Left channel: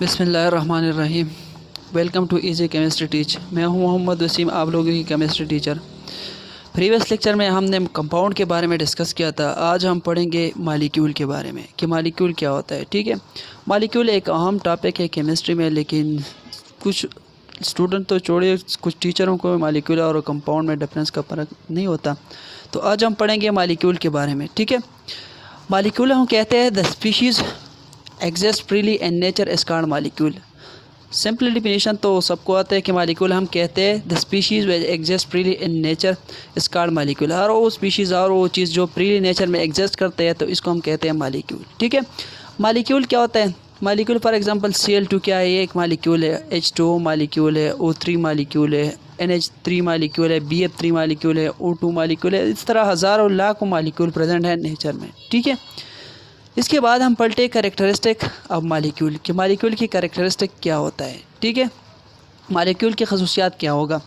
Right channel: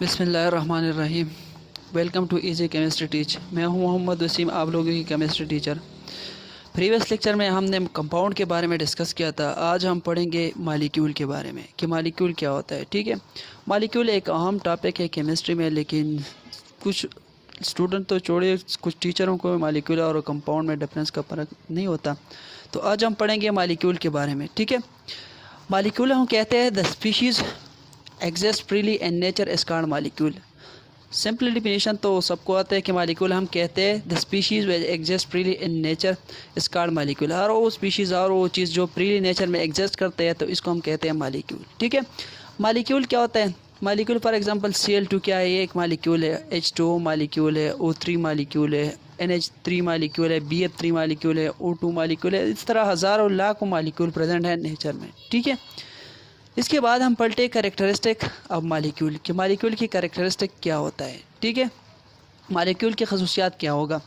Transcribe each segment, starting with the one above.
बिस्मिल्लाहिर्रहमानिर्रहीम। Welcome to easy chemistry teach. मैं हूं मोहम्मद वसीम, आप लोगों की केमिस्ट्री टीचर। प्रीवियस लेक्चर में हमने कंपाउंड के बारे में डिस्कस किया था। आज हम पढ़ेंगे मालिक्यूल के बारे में कि मालिक्यूल क्या होता है। ठीक है, मालिक्यूल एक अहम टॉपिक है केमिस्ट्री में, लेकिन कुछ स्टूडेंट तो छोड़िए, कुछ टीचरों को मालिक्यूल और कंपाउंड में डिफरेंस का फ़र्क नहीं होता। तो आज हम पढ़ेंगे मालिक्यूल के बारे में। ठीक है, मालिक्यूल हम कहते हैं the species exist freely in nature is called molecule. Simple definition तो सबको आता है कि मालिक्यूल हम कहते हैं the species exist freely in nature is called molecule. हर वो स्पीशीज़ और वो चीज़ जो फ्रीली नेचर में एग्जिस्ट करते हैं तो इसको हम कहते हैं मालिक्यूल। ठीक है, मालिक्यूल क्या होता है? मालिक्यूल फॉर एग्जांपल Cl2 क्या है? ये एक मालिक्यूल है। H2O मालिक्यूल है। O3 मालिक्यूल है। NH3 मालिक्यूल है। BF3 मालिक्यूल है। O2 मालिक्यूल है। इस तरह हज़ारों लाखों मालिक्यूल प्रेजेंट है नेचर में। ठीक है, इसके बाद हम पढ़ते हैं कैरेक्टरिस्टिक ऑफ मालिक्यूल कि मालिक्यूल की कैरेक्टरिस्टिक क्या होता है। ठीक है, मालिक्यूल की खसूसियात क्या होगा।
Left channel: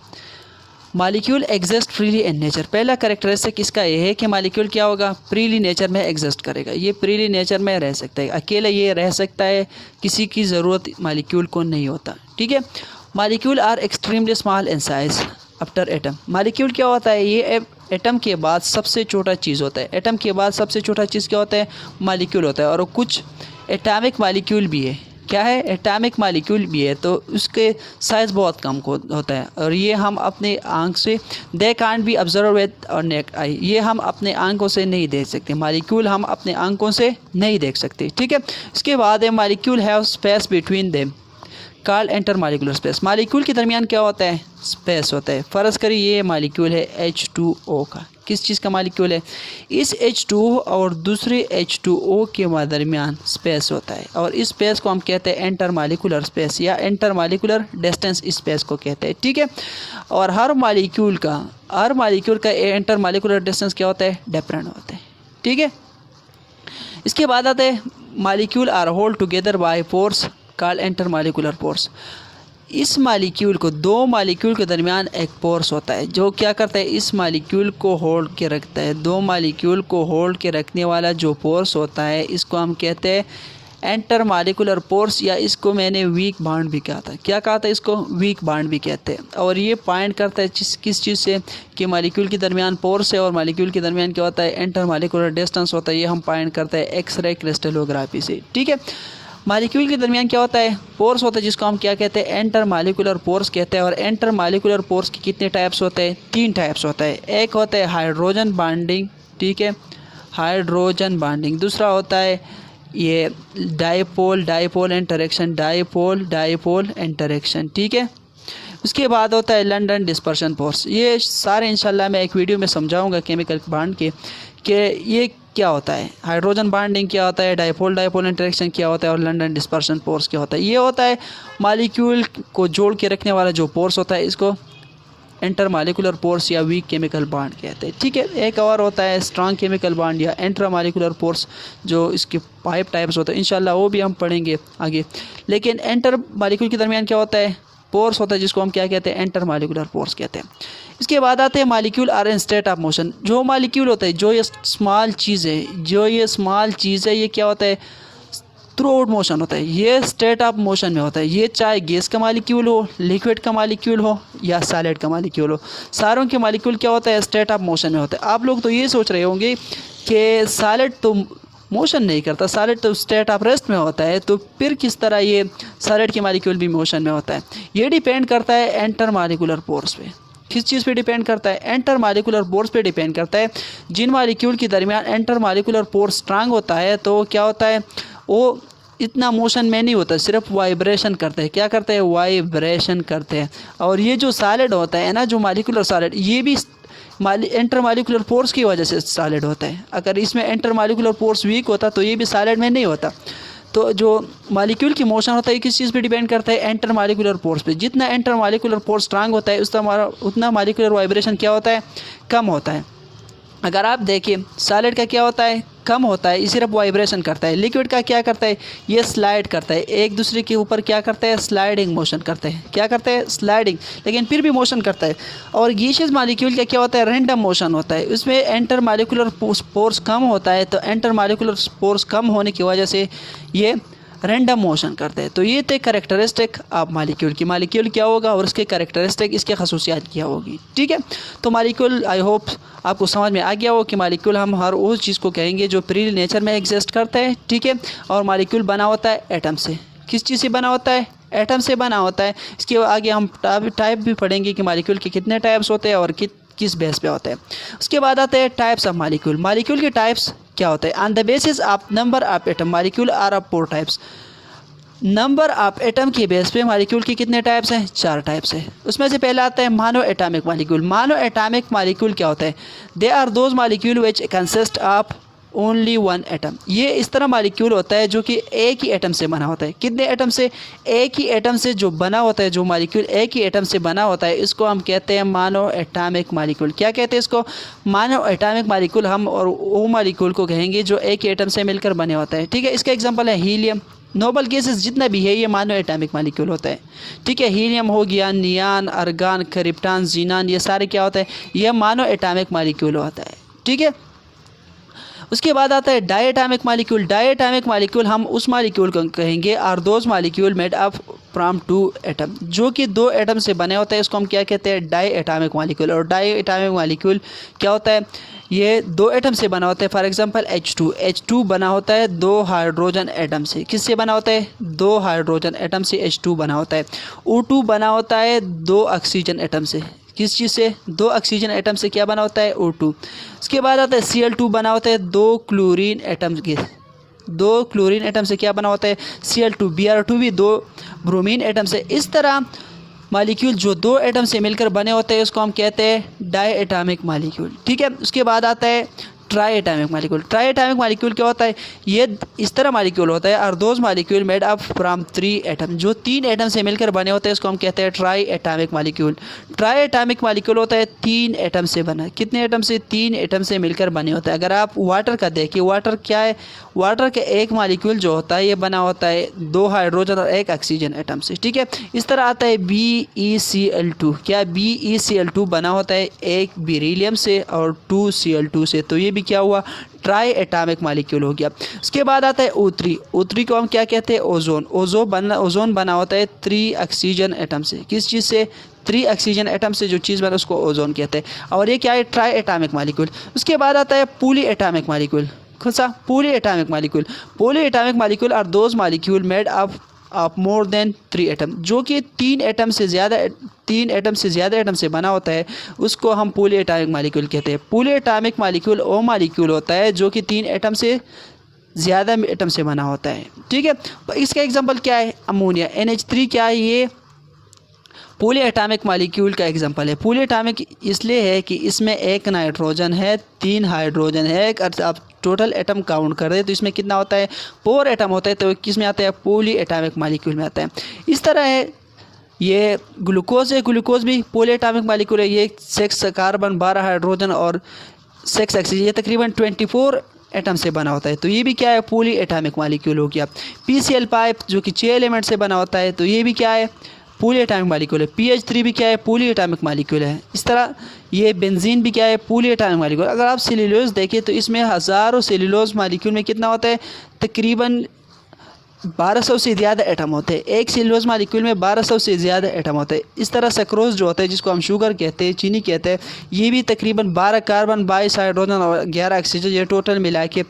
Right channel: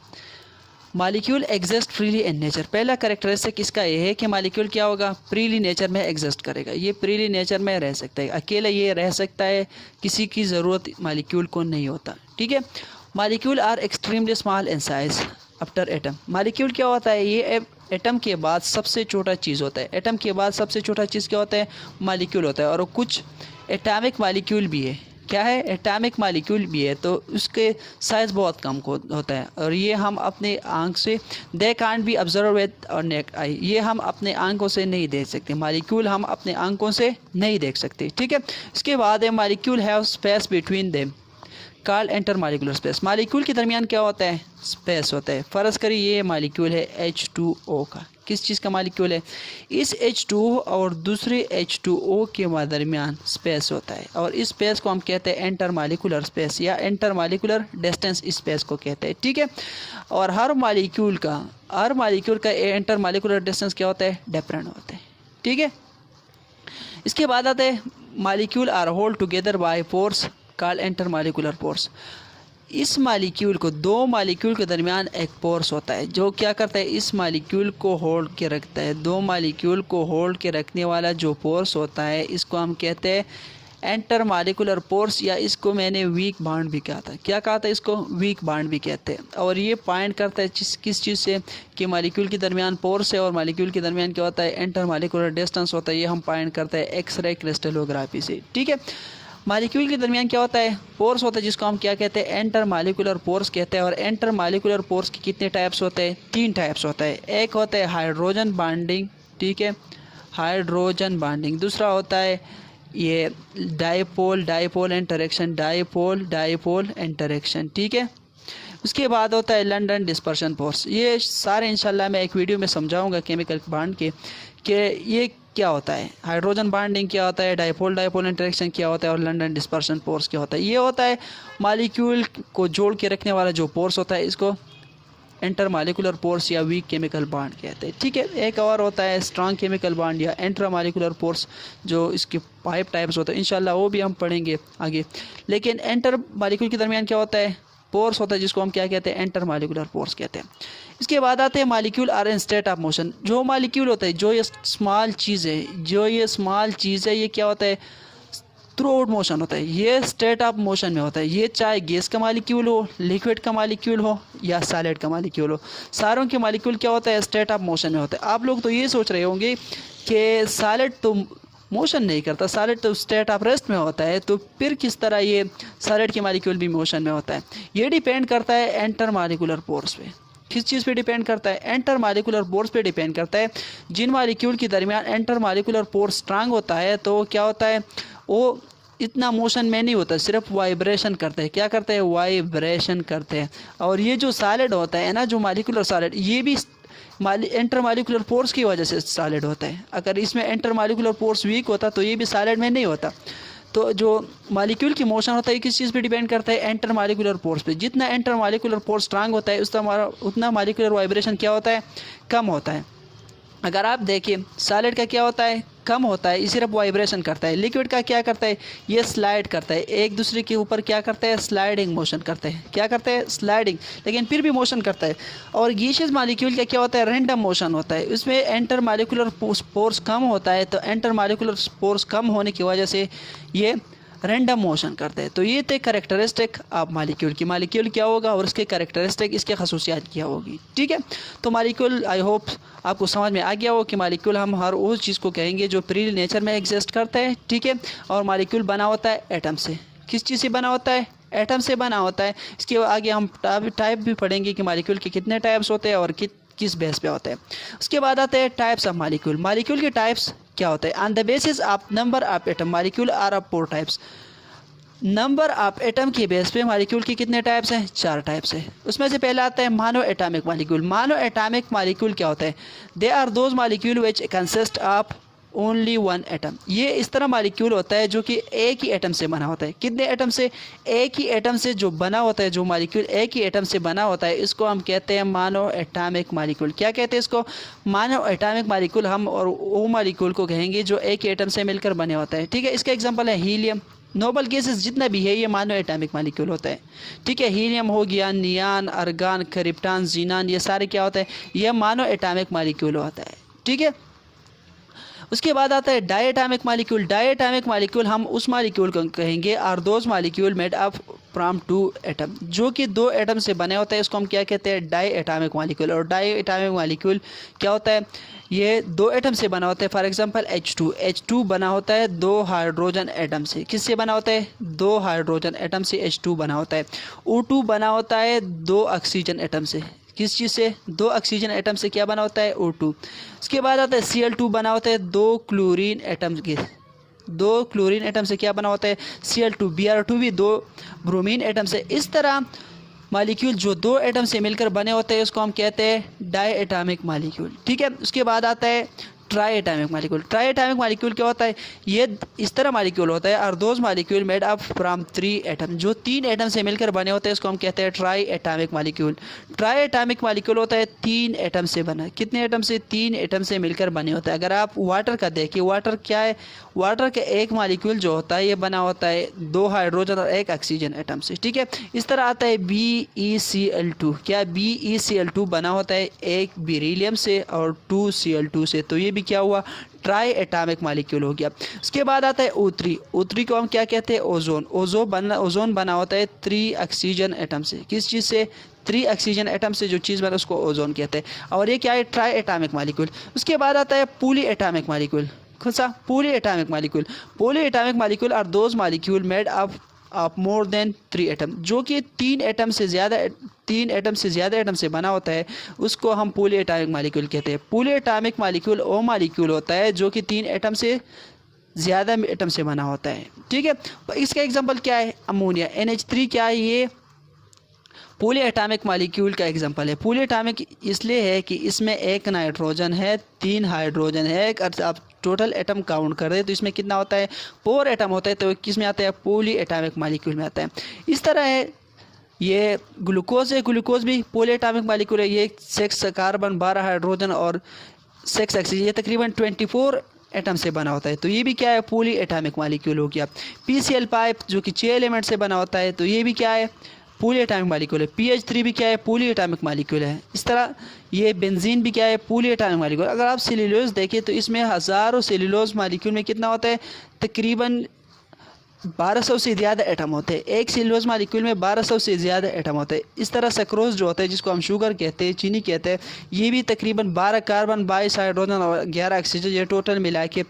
Molecule exist freely in nature. पहला कैरेक्टरिस्टिक इसका ये है कि मालिक्यूल क्या होगा? फ्रीली नेचर में एग्जिस्ट करेगा। ये फ्रीली नेचर में रह सकता है, अकेला ये रह सकता है, किसी की ज़रूरत मालिक्यूल को नहीं होता। ठीक है, molecule are extremely small in size after atom. Molecule क्या होता है? ये एटम के बाद सबसे छोटा चीज़ होता है। एटम के बाद सबसे छोटा चीज़ क्या होता है? मालिक्यूल होता है। और कुछ एटॉमिक मालिक्यूल भी है। क्या है? एटॉमिक मालिक्यूल भी है, तो उसके साइज़ बहुत कम होता है। और ये हम अपने आँख से they can't be observe with और नेक आई, ये हम अपने आंखों से नहीं देख सकते। मालिक्यूल हम अपने आंखों से नहीं देख सकते। ठीक है, इसके बाद है molecule have space between them called inter molecular space. Molecule के दरमियान क्या होता है? स्पेस होता है। फ़र्ज़ करिए ये मालिक्यूल है H2O का। किस चीज़ का मालिक्यूल है? इस H2O और दूसरे H2O के दरमियान स्पेस होता है, और इस स्पेस को हम कहते हैं इंटर मालिकुलर स्पेस या इंटर मालिकुलर डिस्टेंस स्पेस को कहते हैं। ठीक है, और हर मालिक्यूल का इंटर मालिकुलर डिस्टेंस क्या होता है? डिफरेंट होता है। ठीक है, इसके बाद आते हैं molecule are hold together by force called inter molecular force. इस मालिक्यूल को, दो मालिक्यूल के दरमियान एक फोर्स होता है जो क्या करता है? इस मालिक्यूल को होल्ड के रखता है। दो मालिक्यूल को होल्ड के रखने वाला जो फोर्स होता है इसको हम कहते हैं इंटर मालिकुलर फोर्स, या इसको मैंने वीक बॉन्ड भी कहा था। क्या कहा था? इसको वीक बॉन्ड भी कहते हैं। और ये पॉइंट करता है किस चीज़ से कि मालिक्यूल के दरमियान फोर्स है और मालिक्यूल के दरमियान क्या होता है? इंटर मालिकुलर डिस्टेंस होता है। ये हम पॉइंट करते हैं एक्सरे क्रिस्टलोग्राफी से। ठीक है, मालिक्यूल के दरमियान क्या होता है? फोर्स होता है, जिसको हम क्या कहते हैं? इंटर मालिकुलर फोर्स कहते हैं। और इंटर मालिकुलर फोर्स के कितने टाइप्स होते हैं? 3 टाइप्स होता है। एक होता है हाइड्रोजन बॉन्डिंग। ठीक है, हाइड्रोजन बॉन्डिंग। दूसरा होता है ये डाइपोल इंटरेक्शन। ठीक है, उसके बाद होता है लंदन डिस्पर्शन फोर्स। ये सारे इंशाल्लाह मैं एक वीडियो में समझाऊंगा केमिकल बॉन्ड के कि ये क्या होता है, हाइड्रोजन बॉन्डिंग क्या होता है, डाइपोल इंटरेक्शन क्या होता है, और लंदन डिस्पर्शन फोर्स क्या होता है। ये होता है मालिक्यूल को जोड़ के रखने वाला जो फोर्स होता है, इसको इंटर मालिकुलर फोर्स या वीक केमिकल बॉन्ड कहते हैं। ठीक है, एक और होता है स्ट्रॉन्ग केमिकल बॉन्ड या इंट्रा मालिकुलर फोर्स, जो इसके 5 टाइप्स होते हैं। इंशाल्लाह वो भी हम पढ़ेंगे आगे। लेकिन इंटर मालिक्यूल के दरमियान क्या होता है? फोर्स होता है, जिसको हम क्या कहते हैं? इंटर मालिकुलर फोर्स कहते हैं। इसके बाद आते हैं molecule are in state of motion. जो मालिक्यूल होता है, जो ये स्मॉल चीज़ है, ये क्या होता है? थ्रू मोशन होता है। ये स्टेट ऑफ मोशन में होता है। ये चाहे गैस का मालिक्यूल हो, लिक्विड का मालिक्यूल हो, या सॉलिड का मालिक्यूल हो, सारों के मालिक्यूल क्या होता है? स्टेट ऑफ मोशन में होता है। आप लोग तो ये सोच रहे होंगे कि सॉलिड तो मोशन नहीं करता, सॉलिड तो स्टेट ऑफ रेस्ट में होता है, तो फिर किस तरह ये सॉलिड के मालिक्यूल भी मोशन में होता है? ये डिपेंड करता है इंटर मालिकुलर फोर्स पे। किस चीज़ पे डिपेंड करता है? इंटर मालिकुलर फोर्स पे डिपेंड करता है। जिन मालिक्यूल के दरमियान इंटर मालिकुलर फोर्स स्ट्रांग होता है तो क्या होता है? वो इतना मोशन में नहीं होता, सिर्फ वाइब्रेशन करते हैं। क्या करते हैं? वाइब्रेशन करते हैं। और ये जो सॉलिड होता है ना, जो मालिकुलर सॉलिड, ये भी इंटर मालिकुलर फोर्स की वजह से सॉलिड होता है। अगर इसमें इंटर मालिकुलर फोर्स वीक होता तो ये भी सॉलिड में नहीं होता। तो जो मालिक्यूल की मोशन होता है किस चीज़ पे डिपेंड करता है? इंटर मालिकुलर फोर्स पे। जितना इंटर मालिकुलर फोर्स स्ट्रांग होता है उतना मालिकुलर वाइब्रेशन क्या होता है? कम होता है। अगर आप देखिए सॉलिड का क्या होता है? कम होता है, ये सिर्फ वाइब्रेशन करता है। लिक्विड का क्या करता है? ये स्लाइड करता है, एक दूसरे के ऊपर क्या करता है? स्लाइडिंग मोशन करते हैं। क्या करता है? स्लाइडिंग, लेकिन फिर भी मोशन करता है। और गैसियस मॉलिक्यूल का क्या होता है? रैंडम मोशन होता है। उसमें इंटर मॉलिक्यूलर फोर्स कम होता है, तो इंटर मॉलिक्यूलर फोर्स कम होने की वजह से ये रैंडम मोशन करते हैं। तो ये थे कैरेक्टरिस्टिक आप मालिक्यूल की, मालिक्यूल क्या होगा और उसके कैरेक्टरिस्टिक, इसके खसूसियात क्या होगी। ठीक है, तो मालिक्यूल आई होप आपको समझ में आ गया हो कि मालिक्यूल हम हर उस चीज़ को कहेंगे जो प्री नेचर में एग्जिस्ट करता है। ठीक है, और मालिक्यूल बना होता है एटम से। किस चीज़ से बना होता है? एटम से बना होता है। इसके आगे हम टाइप भी पढ़ेंगे कि मालिक्यूल के कितने टाइप्स होते हैं और किस बेस पे होते हैं। उसके बाद आते हैं टाइप्स ऑफ मालिक्यूल। मालिक्यूल के टाइप्स क्या होते हैं? On the basis of number of atom molecule are of 4 types. Number of atom के बेस पे मालिक्यूल के कितने टाइप्स हैं? 4 टाइप्स हैं। उसमें से पहला आता है mono atomic molecule. Mono atomic molecule क्या होता है? They are those molecule which consist of only 1 atom. ये इस तरह मालिक्यूल होता है जो कि एक ही एटम से बना होता है। कितने एटम से? एक ही एटम से जो बना होता है, जो मालिक्यूल एक ही एटम से बना होता है, इसको हम कहते हैं मोनो एटॉमिक मालिक्यूल। क्या कहते हैं इसको? Mono atomic molecule. हम और वो मालिक्यूल को कहेंगे जो एक ही एटम से मिलकर बने होता है। ठीक है, इसका एग्जाम्पल है हीलियम, नोबल गैसेस जितना भी है ये मोनो एटॉमिक मालिक्यूल होता है। ठीक है, हीलियम हो गया, नियान, अर्गान, क्रिप्टॉन, जीनान, ये सारे क्या होता है? ये मोनो एटॉमिक मालिक्यूल होता है। ठीक है, उसके बाद आता है डायटॉमिक मालिक्यूल। डायटॉमिक मालिक्यूल हम उस मालिक्यूल को कहेंगे are those molecule made up from 2 atom, जो कि 2 एटम से बने होते हैं। इसको हम क्या कहते हैं? Diatomic molecule. और डायटॉमिक मालिक्यूल क्या होता है? ये 2 एटम से बना होता है। फॉर एग्जांपल H2 बना होता है 2 हाइड्रोजन एटम से। किससे बना होता है? 2 हाइड्रोजन एटम से H2 बना होता है। O2 बना होता है 2 ऑक्सीजन एटम से। किस चीज़ से? 2 ऑक्सीजन एटम से क्या बना होता है? O2। उसके बाद आता है Cl2 बना होता है 2 क्लोरीन एटम के। 2 क्लोरीन एटम से क्या बना होता है? Cl2। Br2 भी 2 ब्रोमीन एटम से। इस तरह मालिक्यूल जो 2 एटम से मिलकर बने होते हैं उसको हम कहते हैं डायटॉमिक मालिक्यूल। ठीक है, उसके बाद आता है ट्राइएटॉमिक मालिक्यूल। ट्राइएटॉमिक मालिक्यूल क्या होता है? ये इस तरह मालिक्यूल होता है are those molecule made up from 3 atom, जो 3 एटम से मिलकर बने होते हैं, इसको हम कहते हैं ट्राइएटॉमिक मालिक्यूल। ट्राइएटॉमिक मालिक्यूल होता है 3 एटम से बना। कितने एटम से? 3 एटम से मिलकर बने होते हैं। अगर आप वाटर का देखिए, वाटर क्या है? वाटर का एक मालिक्यूल जो होता है ये बना होता है 2 हाइड्रोजन और 1 ऑक्सीजन एटम से। ठीक है, इस तरह आता है BeCl2। क्या? BeCl2 बना होता है 1 बेरिलियम से और 2 Cl2 से। तो ये भी क्या हुआ? ट्राई एटॉमिक मालिक्यूल हो गया। उसके बाद आता है O3। O3 को हम क्या कहते हैं? ओजोन। ओजोन बना होता है 3 ऑक्सीजन एटम से। किस चीज़ से? 3 ऑक्सीजन एटम से जो चीज़ बना उसको ओजोन कहते हैं। और ये क्या है? Tri atomic molecule. उसके बाद आता है पॉली एटॉमिक मालिक्यूल। कौन-सा? Poly atomic molecule. Poly atomic molecule are those molecule made of more than 3 atom, जो कि 3 एटम से ज़्यादा एटम से बना होता है, उसको हम पॉली एटॉमिक मालिक्यूल कहते हैं। पॉली एटॉमिक मालिक्यूल वो मालिक्यूल होता है जो कि 3 एटम से ज़्यादा एटम से बना होता है। ठीक है, इसका एग्जांपल क्या है? अमोनिया, NH3 क्या है? ये पॉली एटॉमिक मालिक्यूल का एग्जांपल है। पॉली एटॉमिक इसलिए है कि इसमें 1 नाइट्रोजन है, 3 हाइड्रोजन है। अगर आप टोटल एटम काउंट कर दे तो इसमें कितना होता है? 4 एटम होता है। तो किस में आता है? पॉली एटॉमिक मालिक्यूल में आता है। इस तरह है ये ग्लूकोज है। ग्लूकोज भी पॉली एटॉमिक मालिक्यूल है। ये 6 कार्बन, 12 हाइड्रोजन और 6 ऑक्सीजन, ये तकरीबन 24 एटम से बना होता है। तो ये भी क्या है? पॉली एटॉमिक मालिक्यूल हो गया। PCl पाइप जो कि 6 एलिमेंट से बना होता है, तो ये भी क्या है? पॉली एटॉमिक मालिक्यूल है। PH3 भी क्या है? पॉली एटॉमिक मालिक्यूल है। इस तरह ये बेंजीन भी क्या है? Poly atomic molecule. अगर आप सेल्यूलोज देखें तो इसमें हज़ारों सेल्यूलोज मालिक्यूल में कितना होता है? तकरीबन 1200 से ज़्यादा एटम होते हैं। एक सेल्यूलोज मालिक्यूल में 1200 से ज़्यादा एटम होते हैं। इस तरह सक्रोज जो होता है, जिसको हम शुगर कहते हैं, चीनी कहते हैं, ये भी तकरीबन 12 कार्बन, 22 हाइड्रोजन और 11 ऑक्सीजन, ये टोटल मिला के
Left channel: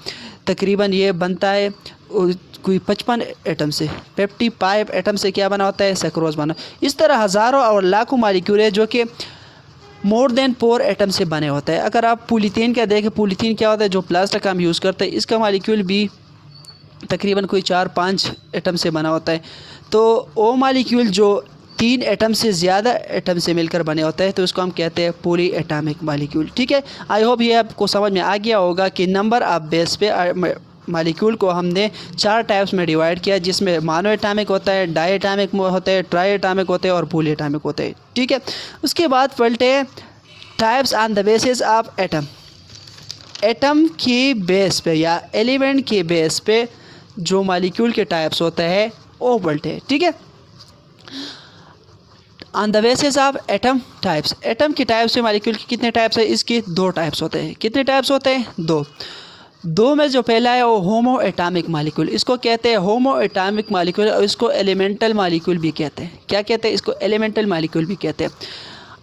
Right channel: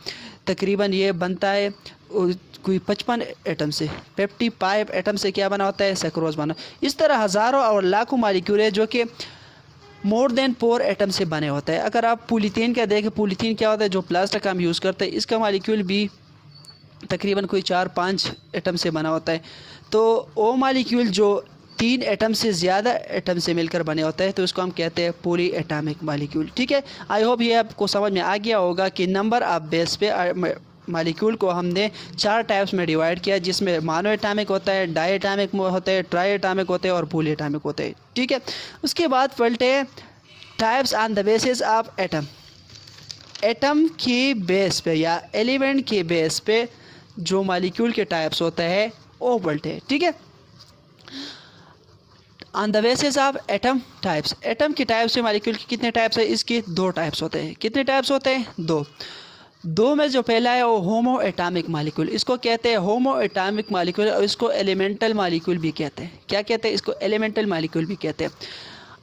तकरीबन ये बनता है कोई 55 एटम से। 55 एटम से क्या बना होता है? सक्रोज बना। इस तरह हज़ारों और लाखों मालिक्यूल है जो कि मोर देन 4 एटम से बने होते हैं। अगर आप पॉलीथीन का देखें, पॉलीथीन क्या होता है? जो प्लास्टिक हम यूज़ करते हैं, इसका मालिक्यूल भी तकरीबन कोई 4-5 एटम से बना होता है। तो वो मालिक्यूल जो 3 एटम से ज़्यादा एटम से मिलकर बने होते हैं, तो उसको हम कहते हैं पॉली एटॉमिक मालिक्यूल। ठीक है, आई होप ये आपको समझ में आ गया होगा कि नंबर ऑफ बेस पे मालिक्यूल को हमने 4 टाइप्स में डिवाइड किया, जिसमें मोनो एटॉमिक होता है, डायटॉमिक होता है, ट्राई एटॉमिक होते हैं और पॉली एटॉमिक होते हैं। ठीक है, उसके बाद पलटे types on the basis of atom. Atom के बेस पे या एलिमेंट के बेस पे जो मालिक्यूल के टाइप्स होते हैं वो पलटे। ठीक है, on the basis of atom types. Atom के टाइप्स से मालिक्यूल के कितने टाइप्स है? इसके 2 टाइप्स होते हैं। कितने टाइप्स होते हैं? 2। दो में जो पहला है वो होमो एटॉमिक मालिक्यूल, इसको कहते हैं होमो एटॉमिक मालिक्यूल और इसको एलिमेंटल मालिक्यूल भी कहते हैं। क्या कहते हैं इसको? एलिमेंटल मालिक्यूल भी कहते हैं।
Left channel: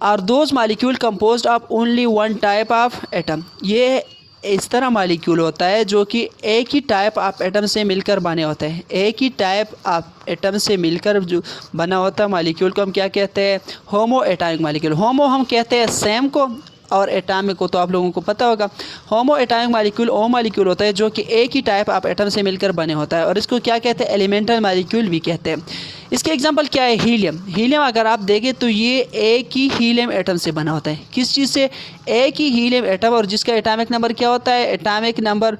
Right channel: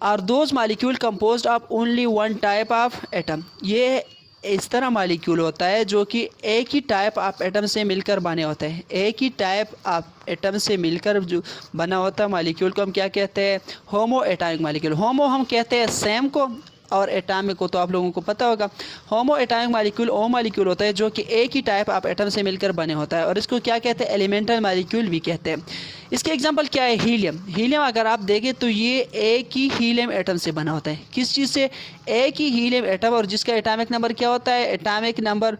Are those molecule composed of only one type of atom, ये इस तरह मालिक्यूल होता है जो कि एक ही टाइप ऑफ एटम से मिलकर बने होते हैं। एक ही टाइप ऑफ एटम से मिलकर जो बना होता है मालिक्यूल को हम क्या कहते हैं? होमो एटॉमिक मालिक्यूल। होमो हम कहते हैं सेम को, और एटॉमिक को तो आप लोगों को पता होगा। होमो एटॉमिक मालिक्यूल वो मालिक्यूल होता है जो कि एक ही टाइप ऑफ एटम से मिलकर बने होता है, और इसको क्या कहते हैं? एलिमेंटल मालिक्यूल भी कहते हैं। इसके एग्जांपल क्या है? हीलियम। हीलियम अगर आप देखें तो ये एक ही हीलियम एटम से बना होता है। किस चीज़ से? एक ही हीलियम एटम, और जिसका एटॉमिक नंबर क्या होता है? एटॉमिक नंबर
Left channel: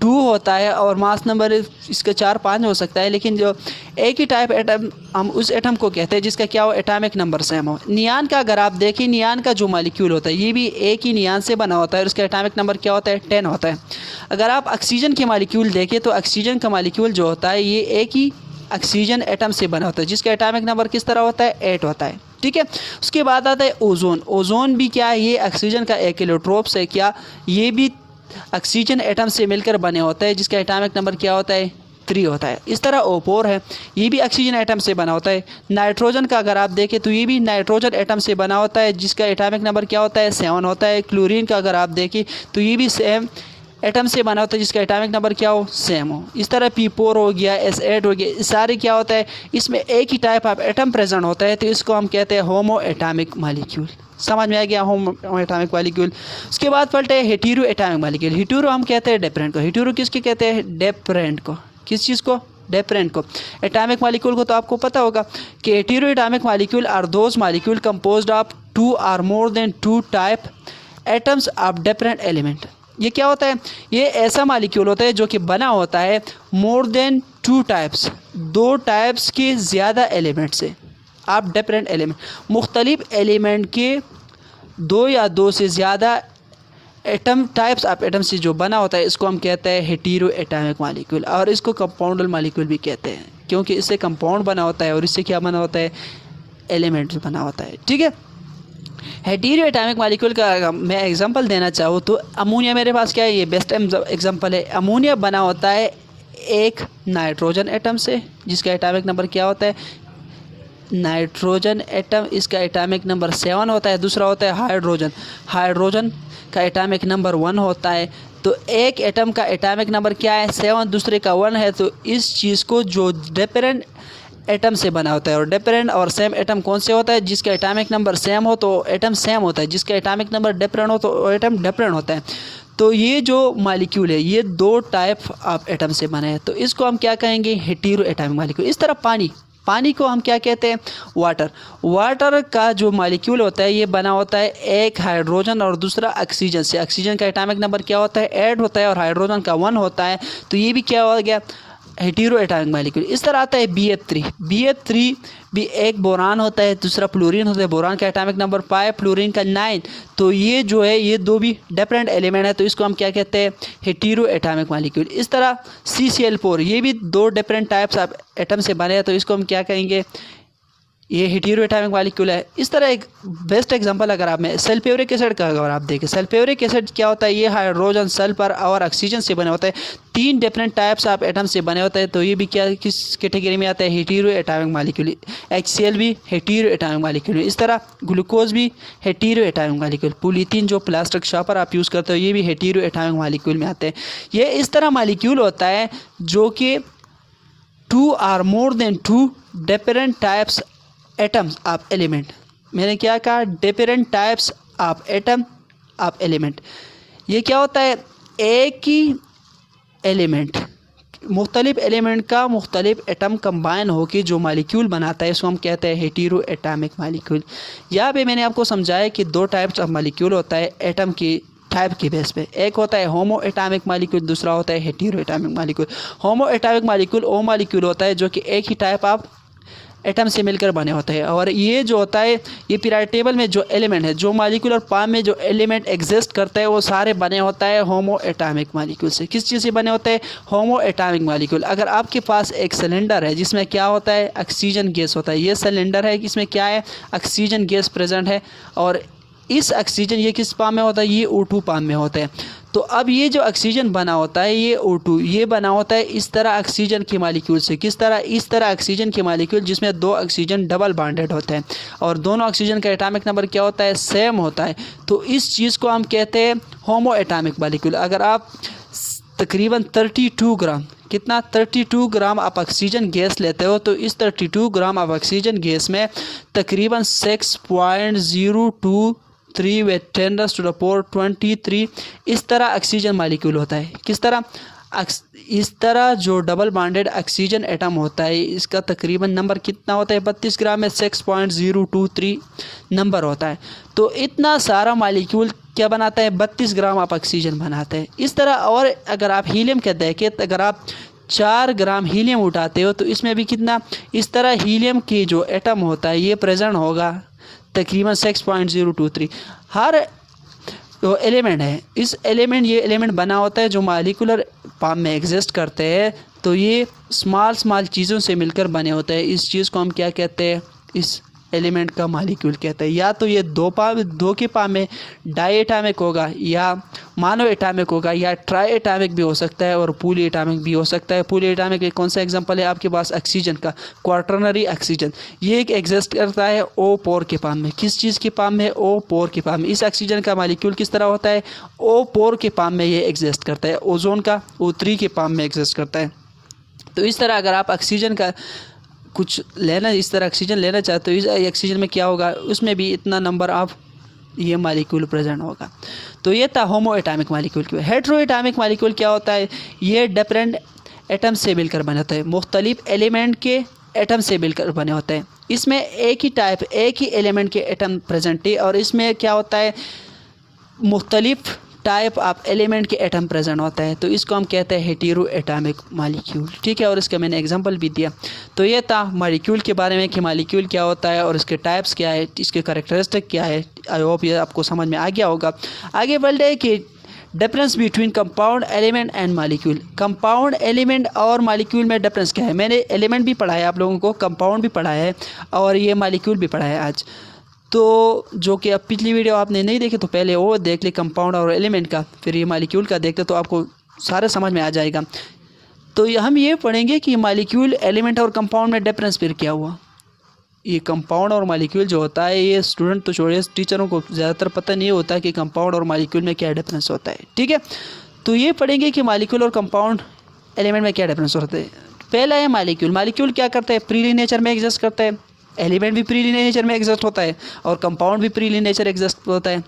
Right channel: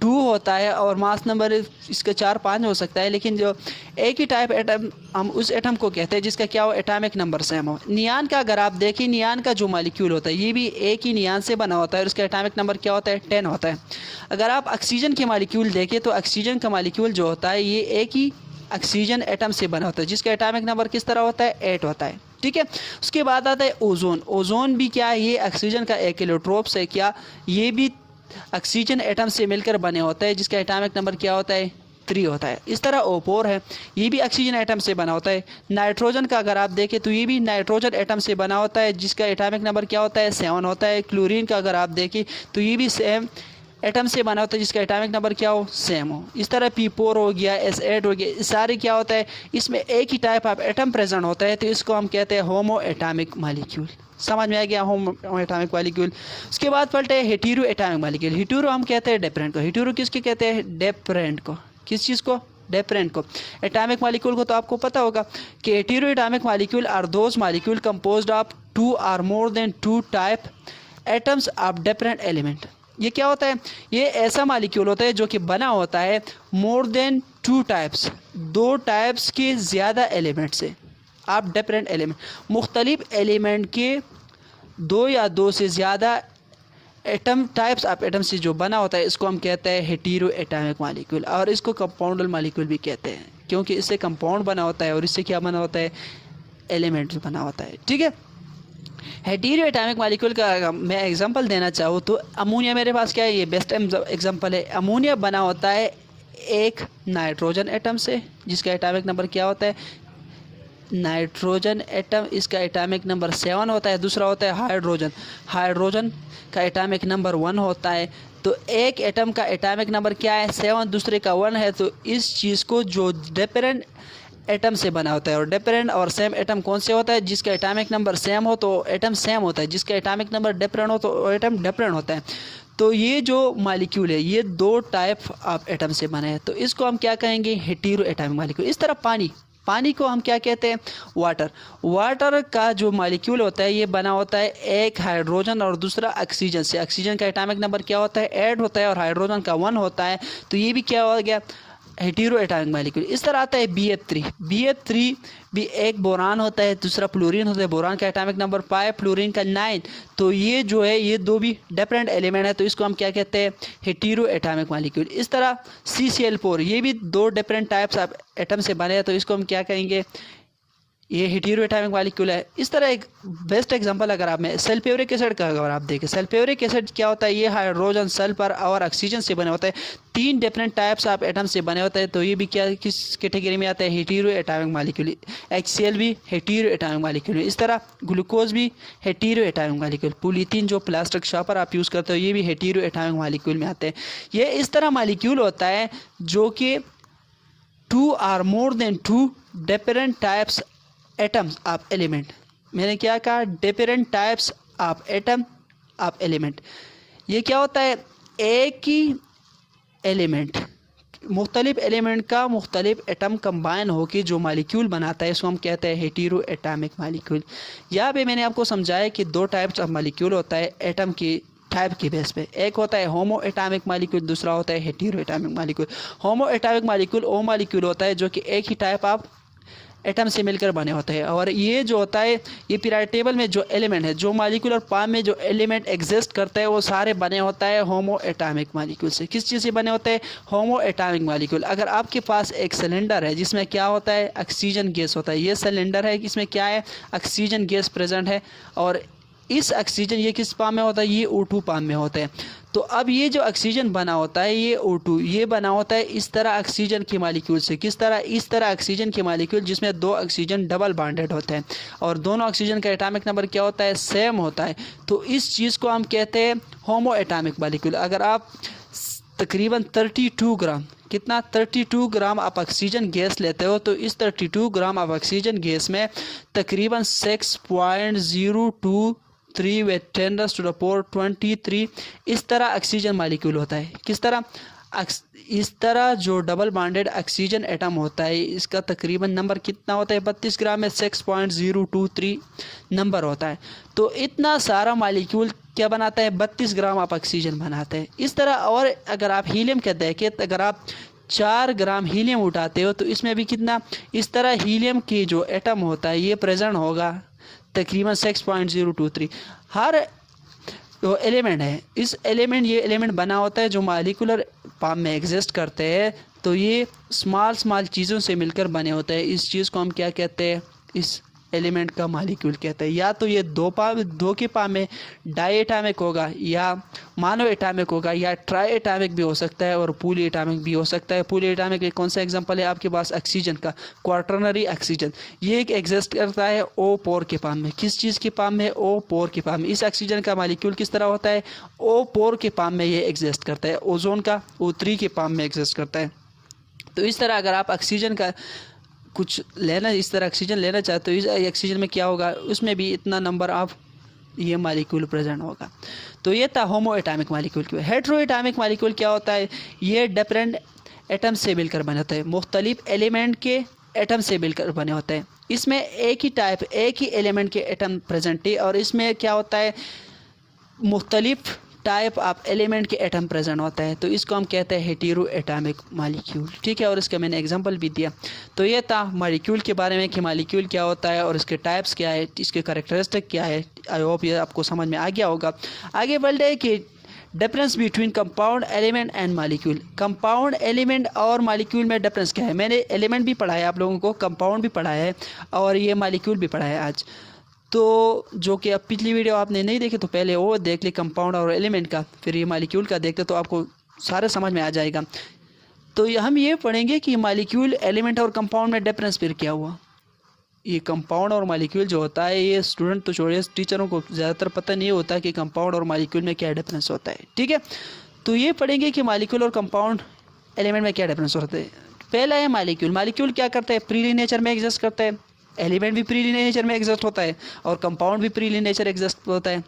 2 होता है, और मास नंबर इसका 4-5 हो सकता है, लेकिन जो एक ही टाइप एटम हम उस एटम को कहते हैं जिसका क्या हो? एटॉमिक नंबर सेम हो। नियान का अगर आप देखें, नियान का जो मालिक्यूल होता है ये भी एक ही नियान से बना होता है, और उसका एटॉमिक नंबर क्या होता है? 10 होता है। अगर आप ऑक्सीजन के मालिक्यूल देखें तो ऑक्सीजन का मालिक्यूल जो होता है ये एक ही ऑक्सीजन एटम से बना होता है, जिसका एटॉमिक नंबर किस तरह होता है? 8 होता है। ठीक है। उसके बाद आता है ओजोन। ओजोन भी क्या है? ये ऑक्सीजन का एक एलोट्रोप्स है। क्या? ये भी ऑक्सीजन एटम से मिलकर बने होते हैं, जिसका एटॉमिक नंबर क्या होता है? 3 होता है। इस तरह ओपोर है, ये भी ऑक्सीजन एटम से बना होता है। नाइट्रोजन का अगर आप देखें तो ये भी नाइट्रोजन एटम से बना होता है, जिसका एटॉमिक नंबर क्या होता है? 7 होता है। क्लोरीन का अगर आप देखें तो ये भी सेम एटम से बना होता है, जिसका एटॉमिक नंबर क्या हो? सेम हो। इस तरह P4 हो गया, S8 हो गया, सारे क्या होता है? इसमें एक ही टाइप ऑफ एटम प्रेजेंट होता है, तो इसको हम कहते हैं होमो एटॉमिक मालिक्यूल। समझ में आ गया? होमो एटॉमिक मालिक्यूल। उसके बाद पलटे है हेटेरो एटॉमिक मालिक्यूल। हेटेरो हम कहते हैं डिफरेंट को। हेटेरो किसके कहते हैं? डिफरेंट को। किस चीज़ को? डिफरेंट को। एटॉमिक मालिक्यूल को तो आपको पता होगा कि hetero atomic molecule are those molecule composed of 2 और more than 2 type atoms of different element. ये क्या होता है? ये ऐसा मालिक्यूल होता है जो कि बना होता है मोर देन 2 टाइप्स, 2 टाइप्स के ज़्यादा एलिमेंट से, आप डिफरेंट एलिमेंट, मुख्तलिफ एलिमेंट के 2 या 2 से ज़्यादा एटम टाइप्स ऑफ एटम से जो बना होता है, इसको हम कहते हैं हेटेरो एटॉमिक मालिक्यूल। और इसको कंपाउंडल मालिक्यूल भी कहते हैं, क्योंकि इससे कंपाउंड बना होता है और इससे क्या बना होता है? एलिमेंट्स बना होता है। ठीक है। हेटेरो एटॉमिक मालिक्यूल का मैं एग्जांपल देना चाहूँ तो अमोनिया मेरे पास क्या है? ये बेस्ट एग्जांपल है। अमोनिया बना होता है एक नाइट्रोजन एटम से, जिसका एटॉमिक नंबर क्या होता है? नाइट्रोजन एटम, इसका एटॉमिक नंबर 7 होता है। दूसरा होता है हाइड्रोजन। हाइड्रोजन का एटॉमिक नंबर 1 होता है। तो एक एटम का एटॉमिक नंबर क्या है? 7, दूसरे का 1 है। तो इस चीज़ को जो डिफरेंट एटम से बना होता है, और डिफरेंट और सेम एटम कौन से होता है? जिसका एटॉमिक नंबर सेम हो तो एटम सेम होता है, जिसका एटॉमिक नंबर डिफरेंट हो तो एटम डिफरेंट होता है। तो ये जो मालिक्यूल है ये 2 टाइप ऑफ एटम से बना है, तो इसको हम क्या कहेंगे? Hetero atomic molecule. इस तरह पानी को हम क्या कहते हैं? वाटर। वाटर का जो मालिक्यूल होता है ये बना होता है एक हाइड्रोजन और दूसरा ऑक्सीजन से। ऑक्सीजन का एटॉमिक नंबर क्या होता है? 8 होता है, और हाइड्रोजन का 1 होता है। तो ये भी क्या हो गया? Hetero atomic molecule. इस तरह आता है BF3। BF3 भी एक बोरान होता है, दूसरा फ्लोरीन होता है। बोरान का एटॉमिक नंबर 5, फ्लोरीन का 9। तो ये जो है ये 2 भी डिफरेंट एलिमेंट है, तो इसको हम क्या कहते हैं? Hetero atomic molecule. इस तरह CCl4 ये भी 2 डिफरेंट टाइप्स ऑफ एटम से बने हैं, तो इसको हम क्या कहेंगे? ये हेटेरो एटॉमिक मालिक्यूल है। इस तरह एक बेस्ट एग्जांपल अगर आप में सल्फ्यूरिक एसिड का अगर आप देखें, सल्फ्यूरिक एसिड क्या होता है? ये हाइड्रोजन, सल्फर और ऑक्सीजन से बने होता है। 3 डिफरेंट टाइप्स ऑफ एटम से बने होते हैं, तो ये भी क्या किस कैटेगरी में आता है? Hetero atomic molecule. HCl भी हेटेरो एटॉमिक मालिक्यूल। इस तरह ग्लूकोज भी हेटेरो एटॉमिक मालिक्यूल। पॉलीथीन जो प्लास्टिक शॉपर आप यूज़ करते हो ये भी हेटेरो एटॉमिक मालिक्यूल में आते हैं। ये इस तरह मालिक्यूल होता है जो कि 2 और more than 2 different types atoms of element. मैंने क्या कहा? Different types of atom of element. ये क्या होता है? एक ही एलिमेंट, मुख्तलिफ एलिमेंट का मुख्तलिफ एटम कंबाइन होकर जो मालिक्यूल बनाता है, इसको हम कहते हैं हेटेरो एटॉमिक मालिक्यूल। यहाँ पे मैंने आपको समझाया कि 2 टाइप्स ऑफ मालिक्यूल होता है एटम की टाइप के बेस पे। एक होता है होमो एटॉमिक मालिक्यूल, दूसरा होता है हेटेरो एटॉमिक मालिक्यूल। होमो एटॉमिक मालिक्यूल वो मालिक्यूल होता है जो कि एक ही टाइप ऑफ एटम से मिलकर बने होते हैं, और ये जो होता है ये पीरियड टेबल में जो एलिमेंट है, जो मालिक्यूल और फॉर्म में जो एलिमेंट एग्जिस्ट करता है, वो सारे बने होता है होमो एटॉमिक मालिक्यूल से। किस चीज़ से बने होते हैं? होमो एटॉमिक मालिक्यूल। अगर आपके पास एक सिलेंडर है जिसमें क्या होता है? ऑक्सीजन गैस होता है। ये सिलेंडर है, इसमें क्या है? ऑक्सीजन गैस प्रेजेंट है, और इस ऑक्सीजन ये किस फॉर्म में होता है? ये O2 फॉर्म में होता है। तो अब ये जो ऑक्सीजन बना होता है ये O2 ये बना होता है इस तरह ऑक्सीजन के मॉलिक्यूल से। किस तरह? इस तरह ऑक्सीजन के मॉलिक्यूल जिसमें दो ऑक्सीजन डबल बॉन्डेड होते हैं और दोनों ऑक्सीजन का एटॉमिक नंबर क्या होता है? सेम होता है। तो इस चीज़ को हम कहते हैं होमो एटॉमिक मॉलिक्यूल। अगर आप तकरीबन 32 ग्राम, कितना 32 ग्राम आप ऑक्सीजन गैस लेते हो तो इस 32 ग्राम आप ऑक्सीजन गैस में तकरीबन 6.023 वे 10⁻23 इस तरह ऑक्सीजन मॉलिक्यूल होता है। किस तरह? इस तरह जो डबल बॉन्डेड ऑक्सीजन एटम होता है इसका तकरीबन नंबर कितना होता है? 32 ग्राम में 6.023 नंबर होता है। तो इतना सारा मॉलिक्यूल क्या बनाता है? 32 ग्राम आप ऑक्सीजन बनाते हैं। इस तरह और अगर आप हीलियम का देखें तो अगर आप 4 ग्राम हीलियम उठाते हो तो इसमें भी कितना? इस तरह हीलियम की जो एटम होता है ये प्रेजेंट होगा तकरीबन 6.023। हर जो एलिमेंट है इस एलिमेंट ये एलिमेंट बना होता है जो मॉलिक्यूलर फॉर्म में एग्जिस्ट करते हैं। तो ये स्मॉल चीज़ों से मिलकर बने होते हैं। इस चीज़ को हम क्या कहते हैं? इस एलिमेंट का मॉलिक्यूल कहते हैं। या तो ये दो के फॉर्म में डाई एटॉमिक होगा या मोनो एटॉमिक होगा या ट्राई एटॉमिक भी हो सकता है और पूली एटॉमिक भी हो सकता है। पूली एटॉमिक एक कौन सा एग्जांपल है आपके पास? ऑक्सीजन का क्वाटरनरी ऑक्सीजन। ये एक एग्जिस्ट करता है O4 के फॉर्म में। किस चीज़ के फॉर्म में? O4 के फॉर्म में। इस ऑक्सीजन का मॉलिक्यूल किस तरह होता है? O4 के फॉर्म में ये एग्जिस्ट करता है। ओजोन का O3 के फॉर्म में एग्जिस्ट करता है। तो इस तरह अगर आप ऑक्सीजन का कुछ लेना इस तरह ऑक्सीजन लेना चाहते हो इस ऑक्सीजन में क्या होगा? उसमें भी इतना नंबर ऑफ ये मॉलिक्यूल प्रेजेंट होगा। तो ये था होमो atomic molecule. Hetero atomic molecule क्या होता है? ये डिफरेंट एटम से मिलकर बने होते हैं, मुख्तलिफ एलिमेंट के एटम से मिलकर बने होते हैं। इसमें एक ही टाइप एक ही एलिमेंट के एटम प्रेजेंट है और इसमें क्या होता है? मुख्तलिफ टाइप ऑफ एलिमेंट के एटम प्रेजेंट होता है। तो इसको हम कहते हैं हेटेरो एटॉमिक मॉलिक्यूल। ठीक है, और इसका मैंने एग्जांपल भी दिया। तो ये था मॉलिक्यूल के बारे में कि मॉलिक्यूल क्या होता है और इसके टाइप्स क्या है, इसके कैरेक्टरिस्टिक क्या है। आई होप ये आपको समझ में आ गया होगा। आगे बढ़ते हैं कि difference between compound element and molecule. Compound element और मॉलिक्यूल में डिफरेंस क्या है? मैंने एलिमेंट भी पढ़ाया आप लोगों को, कंपाउंड भी पढ़ाया है और ये मॉलिक्यूल भी पढ़ाया है आज। तो जो कि अब पिछली वीडियो आपने नहीं देखी तो पहले वो देख ले कंपाउंड और एलिमेंट का, फिर ये मॉलिक्यूल का देखते तो आपको सारा समझ में आ जाएगा। तो हम ये पढ़ेंगे कि मॉलिक्यूल, एलिमेंट और कंपाउंड में डिफरेंस फिर क्या हुआ। ये कंपाउंड और मॉलिक्यूल जो होता है ये स्टूडेंट तो छोड़िए, टीचरों को ज़्यादातर पता नहीं होता कि कंपाउंड और मॉलिक्यूल में क्या डिफरेंस होता है। ठीक है, तो ये पढ़ेंगे कि मॉलिक्यूल और कंपाउंड एलिमेंट में क्या डिफरेंस होता है। पहला है मॉलिक्यूल। मॉलिक्यूल क्या करता है? प्रीली नेचर में एग्जिस्ट करता है। एलिमेंट भी प्रीली नेचर में एग्जिस्ट होता है और कंपाउंड भी प्रीली नेचर एग्जिस्ट होता है।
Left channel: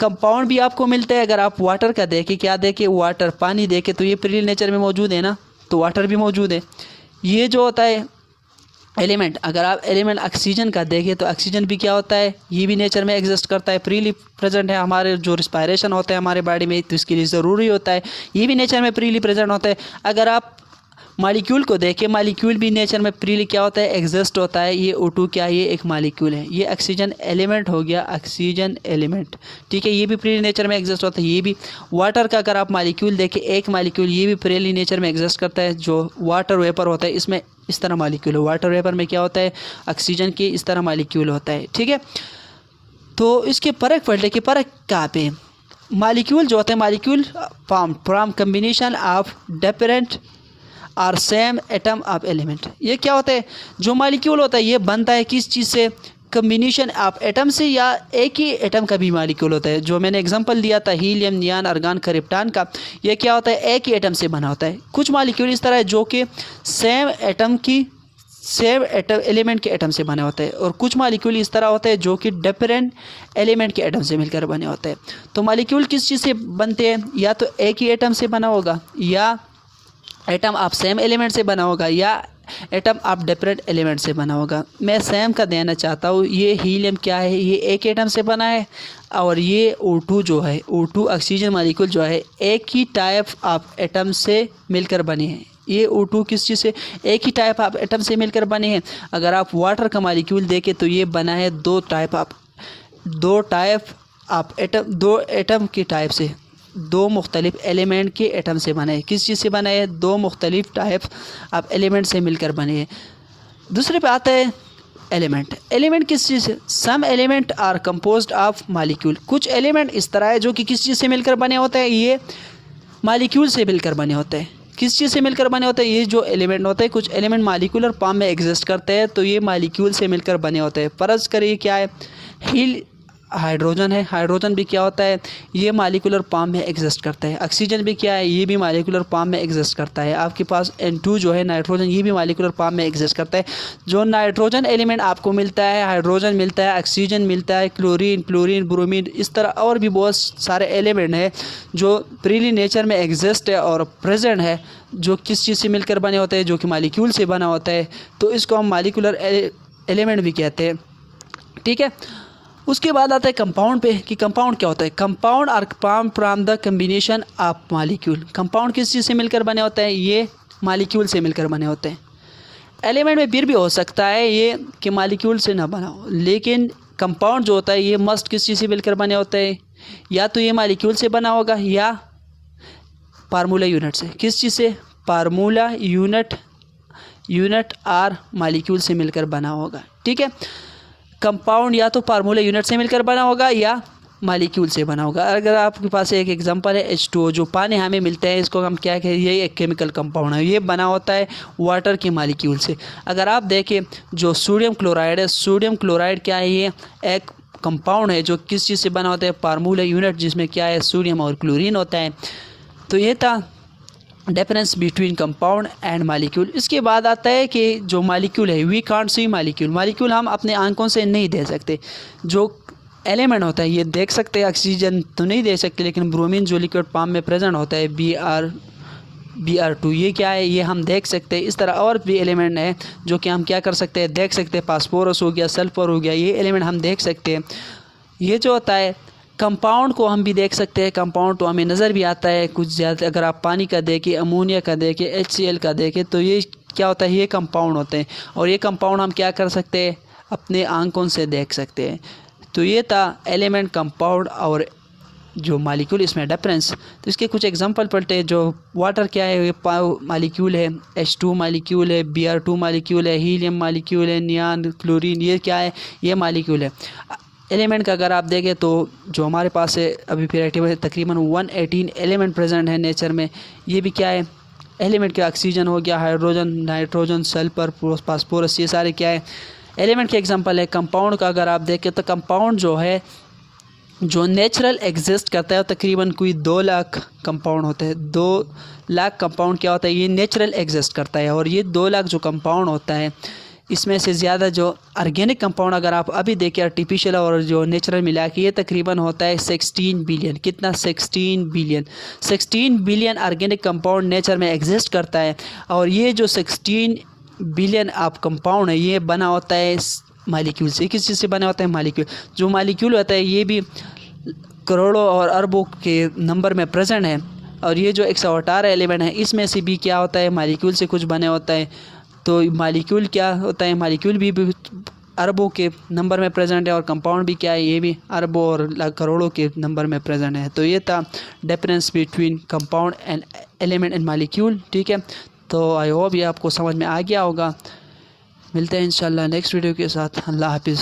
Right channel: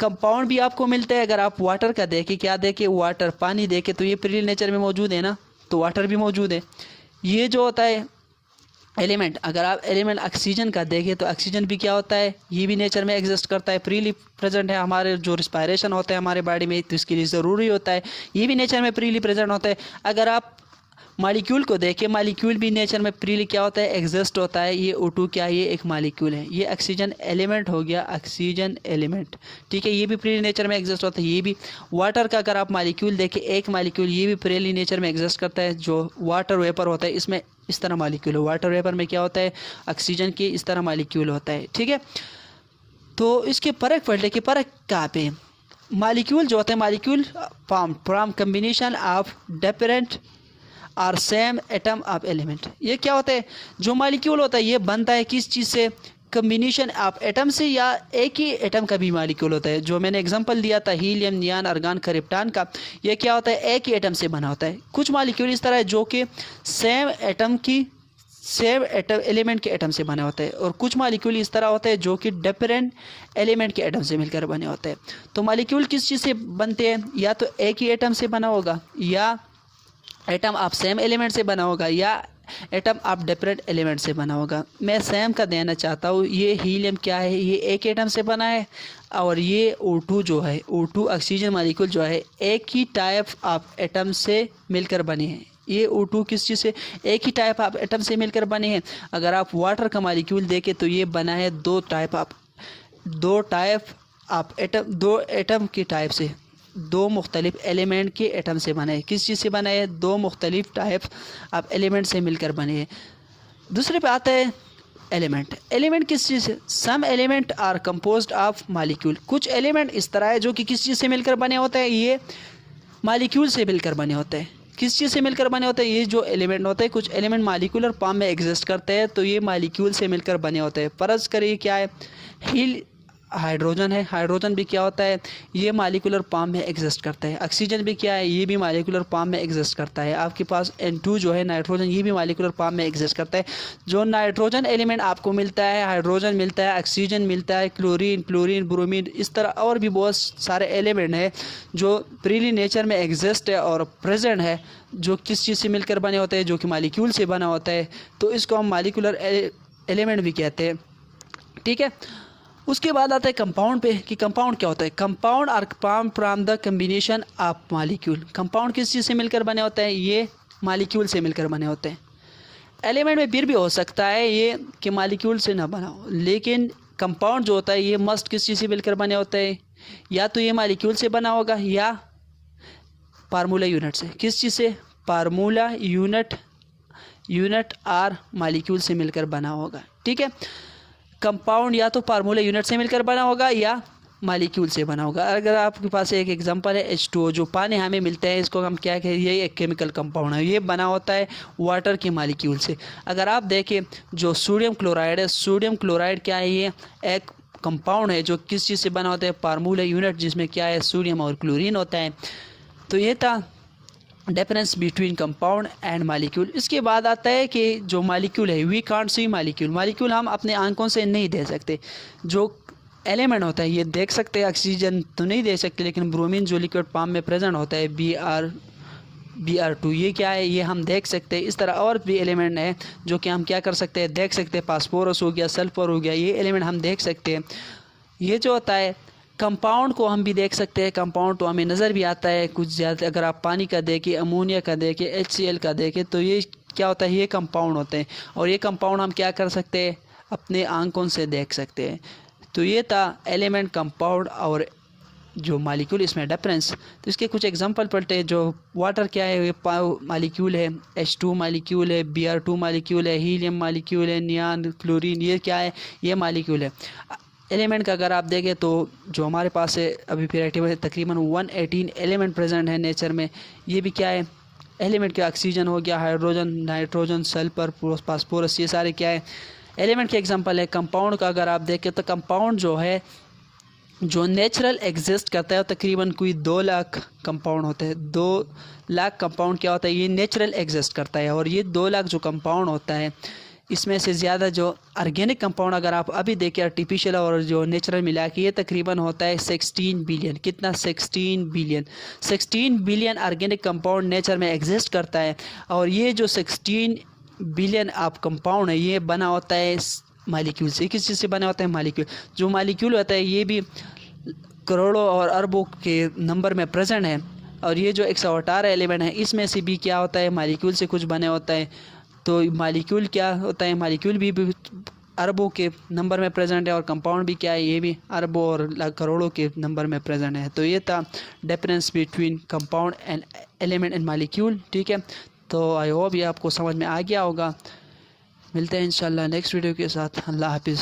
कंपाउंड भी आपको मिलता है अगर आप वाटर का देखें, क्या देखें? वाटर, पानी देखें तो ये प्रीली नेचर में मौजूद है ना, तो वाटर भी मौजूद है। ये जो होता है एलिमेंट, अगर आप एलिमेंट ऑक्सीजन का देखें तो ऑक्सीजन भी क्या होता है? ये भी नेचर में एग्जिस्ट करता है, प्रीली प्रेजेंट है। हमारे जो रिस्पायरेशन होता है हमारे बॉडी में तो इसके लिए ज़रूरी होता है, ये भी नेचर में प्रीली प्रेजेंट होता है। अगर आप मॉलिक्यूल को देखें, मॉलिक्यूल भी नेचर में प्रीली क्या होता है? एग्जिस्ट होता है। ये O2 क्या है? ये एक मॉलिक्यूल है। ये ऑक्सीजन एलिमेंट हो गया, ऑक्सीजन एलिमेंट। ठीक है, ये भी प्रीली नेचर में एग्जिस्ट होता है। ये भी वाटर का अगर आप मॉलिक्यूल देखें, एक मॉलिक्यूल ये भी प्रीली नेचर में एग्जिस्ट करता है, जो वाटर वेपर होता है। इसमें इस तरह मॉलिक्यूल है, वाटर वेपर में क्या होता है? ऑक्सीजन के इस तरह मॉलिक्यूल होता है। ठीक है, तो इसके फ़र्क पढ़ने की फ़र्क कहाँ पे? मॉलिक्यूल जो होते हैं, molecule form from combination of different और सेम एटम ऑफ एलिमेंट। ये क्या होता है? जो मॉलिक्यूल होता है ये बनता है किस चीज़ से? कम्बिनेशन ऑफ एटम से, या एक ही एटम का भी मॉलिक्यूल होता है। जो मैंने एग्जांपल दिया था हीलियम, नियॉन, आर्गन, क्रिप्टॉन का, ये क्या होता है? एक ही एटम से बना होता है। कुछ मॉलिक्यूल इस तरह है जो कि सेम एलिमेंट के एटम से बने होते हैं और कुछ मॉलिक्यूल इस तरह होते हैं जो कि डिफरेंट एलिमेंट के एटम से मिलकर बने होते हैं। तो मॉलिक्यूल किस चीज़ से बनते हैं? या तो एक ही एटम से बना होगा, या एटम ऑफ सेम एलिमेंट से बना होगा, या एटम ऑफ डिफरेंट एलिमेंट से बना होगा। मैं सेम का देना चाहता हूँ। ये हीलियम क्या है? ये एक एटम से बना है और ये O2 जो है, O2 ऑक्सीजन मॉलिक्यूल जो है एक ही टाइप ऑफ एटम से मिलकर बने हैं। ये O2 किस चीज़ से? एक ही टाइप ऑफ एटम से मिलकर बने हैं। अगर आप वाटर का मॉलिक्यूल देखें तो ये बना है दो टाइप ऑफ एटम, दो एटम के टाइप से, दो मुख्तलिफ एलिमेंट के एटम से बने हैं। किस चीज़ से बना है? दो मुख्तलिफ टाइप ऑफ एलिमेंट से मिलकर बने हैं। दूसरे पे आता है एलिमेंट। एलिमेंट किस चीज़ से? Some element are composed of molecule. कुछ एलिमेंट इस तरह है जो कि किस चीज़ से मिलकर बने होते हैं? ये मालिक्यूल से मिलकर बने होते हैं। किस चीज़ से मिलकर बने होते हैं? ये जो एलिमेंट होते हैं, कुछ एलिमेंट मालिक्यूलर फॉर्म में एग्जिस्ट करते हैं, तो ये मालिक्यूल से मिलकर बने होते हैं। फर्ज करिए क्या है, हील हाइड्रोजन है। हाइड्रोजन भी क्या होता है? ये मालिकुलर फॉर्म में एग्जिस्ट करता है। ऑक्सीजन भी क्या है? ये भी मालिकुलर फॉर्म में एग्जिस्ट करता है। आपके पास N2 जो है नाइट्रोजन, ये भी मालिकुलर फॉर्म में एग्जिस्ट करता है। जो नाइट्रोजन एलिमेंट आपको मिलता है, हाइड्रोजन मिलता है, ऑक्सीजन मिलता है, क्लोरीन, ब्रोमीन, इस तरह और भी बहुत सारे एलिमेंट हैं जो प्रीली नेचर में एग्जिस्ट है और प्रेजेंट है, जो किस चीज़ से मिलकर बने होते हैं? जो कि मालिक्यूल से बना होता है। तो इसको हम मालिकुलर एलिमेंट भी कहते हैं। ठीक है। उसके बाद आता है कंपाउंड पे कि कंपाउंड क्या होता है। Compound are form from the combination of molecule. Compound किस चीज़ से मिलकर बने होते हैं? ये मालिक्यूल से मिलकर बने होते हैं। एलिमेंट में फिर भी हो सकता है ये कि मालिक्यूल से ना बना हो, लेकिन कंपाउंड जो होता है ये मस्ट किस चीज़ से मिलकर बने होते हैं? या तो ये मालिक्यूल से बना होगा या फार्मूला यूनिट से। किस चीज़ से? फार्मूला यूनिट आर मालिक्यूल से मिलकर बना होगा। ठीक है। कंपाउंड या तो फार्मूला यूनिट से मिलकर बना होगा या मालिक्यूल से बना होगा। अगर आपके पास एक एग्जांपल है H2O, जो पानी हमें मिलता है, इसको हम क्या कहें? ये एक केमिकल कंपाउंड है, ये बना होता है वाटर के मालिक्यूल से। अगर आप देखें जो सोडियम क्लोराइड है, सोडियम क्लोराइड क्या है? ये एक कंपाउंड है जो किस चीज़ से बना होता है? फार्मूला यूनिट, जिसमें क्या है? सोडियम और क्लोरीन होता है। तो ये था difference between compound and molecule. इसके बाद आता है कि जो मालिक्यूल है, we can't see molecule. Molecule हम अपने आंखों से नहीं देख सकते। जो एलिमेंट होता है ये देख सकते हैं, ऑक्सीजन तो नहीं देख सकते, लेकिन ब्रोमीन जो लिक्विड फॉर्म में प्रेजेंट होता है, Br2, ये क्या है? ये हम देख सकते हैं। इस तरह और भी एलिमेंट है जो कि हम क्या कर सकते हैं? देख सकते हैं। फास्फोरस हो गया, सल्फर हो गया, ये एलिमेंट हम देख सकते हैं। ये जो होता है कंपाउंड को हम भी देख सकते हैं। कंपाउंड तो हमें नज़र भी आता है कुछ ज़्यादा। अगर आप पानी का देखें, अमोनिया का देखें, HCl का देखें, तो ये क्या होता है? ये कंपाउंड होते हैं। और ये कंपाउंड हम क्या कर सकते हैं? अपने आंखों से देख सकते हैं। तो ये था एलिमेंट, कंपाउंड और जो मालिक्यूल, इसमें डिफरेंस। तो इसके कुछ एग्जांपल पढ़ते हैं। जो वाटर क्या है? ये मालिक्यूल है, H2 मालिक्यूल है, Br2 मालिक्यूल है, हीलियम मालिक्यूल है, नियान, क्लोरीन, ये क्या है? ये मालिक्यूल है। एलिमेंट का अगर आप देखें तो जो हमारे पास है अभी पीरियड में तकरीबन 118 एलिमेंट प्रेजेंट है नेचर में। ये भी क्या है? एलिमेंट के ऑक्सीजन हो गया, हाइड्रोजन, नाइट्रोजन, सल्फर, फास्फोरस, ये सारे क्या है? एलिमेंट के एग्जांपल है। कंपाउंड का अगर आप देखें तो कंपाउंड जो है जो नेचुरल एग्जिस्ट करता है, तकरीबन कोई 2 लाख कंपाउंड होते हैं। 2 लाख कंपाउंड क्या होता है? ये नेचुरल एग्जिस्ट करता है। और ये 2 लाख जो कंपाउंड होता है, इसमें से ज़्यादा जो ऑर्गेनिक कंपाउंड अगर आप अभी देखें आर्टिफिशियल और जो नेचुरल मिला के, ये तकरीबन होता है 16 बिलियन। कितना? 16 billion. 16 billion organic compound nature में एग्जिस्ट करता है। और ये जो 16 बिलियन आप कंपाउंड है, ये बना होता है मालिक्यूल से। किस चीज़ से बना होता है? मालिक्यूल। जो मालिक्यूल होता है ये भी करोड़ों और अरबों के नंबर में प्रेजेंट है। और ये जो 118 एलिमेंट है, इसमें से भी क्या होता है? मालिक्यूल से कुछ बने होता है। तो मालिक्यूल क्या होता है? मालिक्यूल भी अरबों के नंबर में प्रेजेंट है। और कंपाउंड भी क्या है? ये भी अरबों और करोड़ों के नंबर में प्रेजेंट है। तो ये था difference between compound and element and molecule. ठीक है। तो आई होप ये आपको समझ में आ गया होगा। मिलते हैं इंशाल्लाह नेक्स्ट वीडियो के साथ। अल्लाह हाफिज़।